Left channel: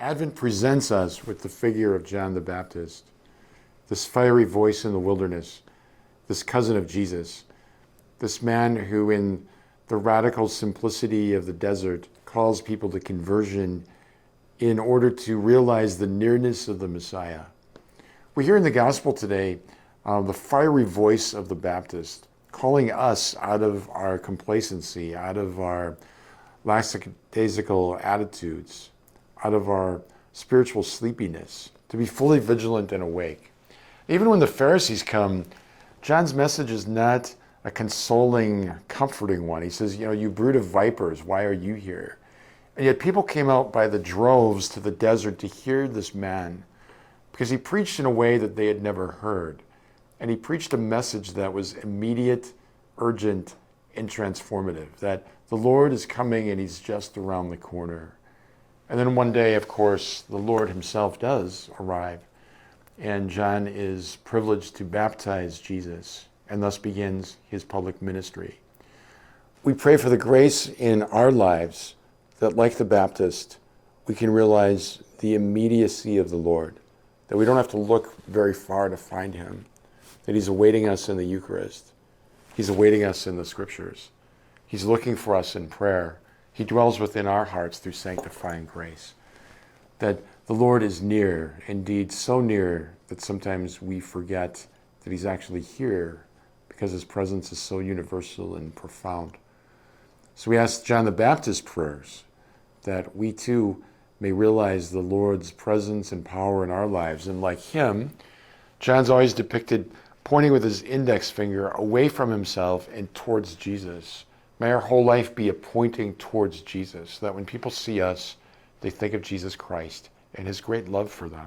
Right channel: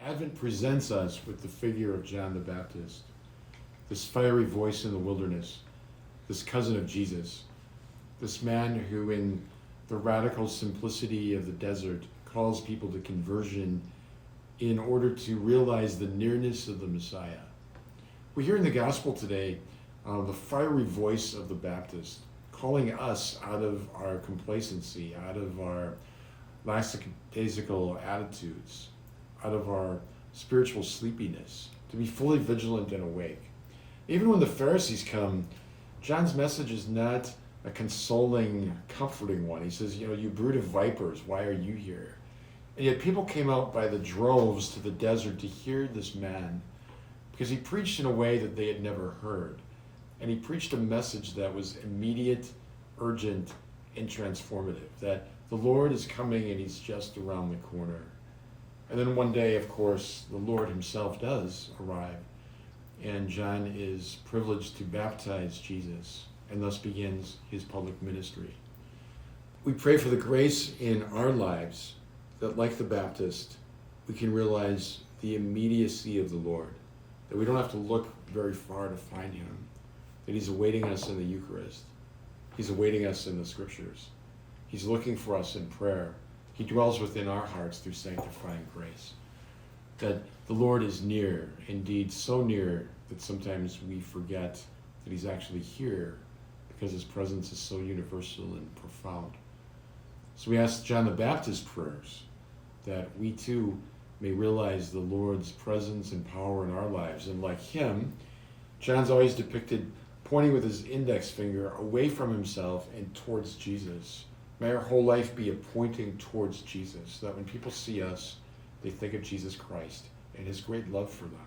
Advent presents us with the figure of John the Baptist, this fiery voice in the wilderness, this cousin of Jesus, this man who in the radical simplicity of the desert calls people to conversion in order to realize the nearness of the Messiah. We hear in the gospel today the fiery voice of the Baptist calling us out of our complacency, out of our lackadaisical attitudes, out of our spiritual sleepiness, to be fully vigilant and awake. Even when the Pharisees come, John's message is not a consoling, comforting one. He says, you brood of vipers, why are you here? And yet people came out by the droves to the desert to hear this man because he preached in a way that they had never heard. And he preached a message that was immediate, urgent, and transformative, that the Lord is coming and he's just around the corner. And then one day, of course, the Lord himself does arrive, and John is privileged to baptize Jesus, and thus begins his public ministry. We pray for the grace in our lives that, like the Baptist, we can realize the immediacy of the Lord, that we don't have to look very far to find him, that he's awaiting us in the Eucharist. He's awaiting us in the Scriptures. He's looking for us in prayer. He dwells within our hearts through sanctifying grace. That the Lord is near, indeed so near that sometimes we forget that he's actually here because his presence is so universal and profound. So we ask John the Baptist's prayers that we too may realize the Lord's presence and power in our lives. And like him, John's always depicted pointing with his index finger away from himself and towards Jesus. May our whole life be a pointing towards Jesus, so that when people see us, they think of Jesus Christ and his great love for them.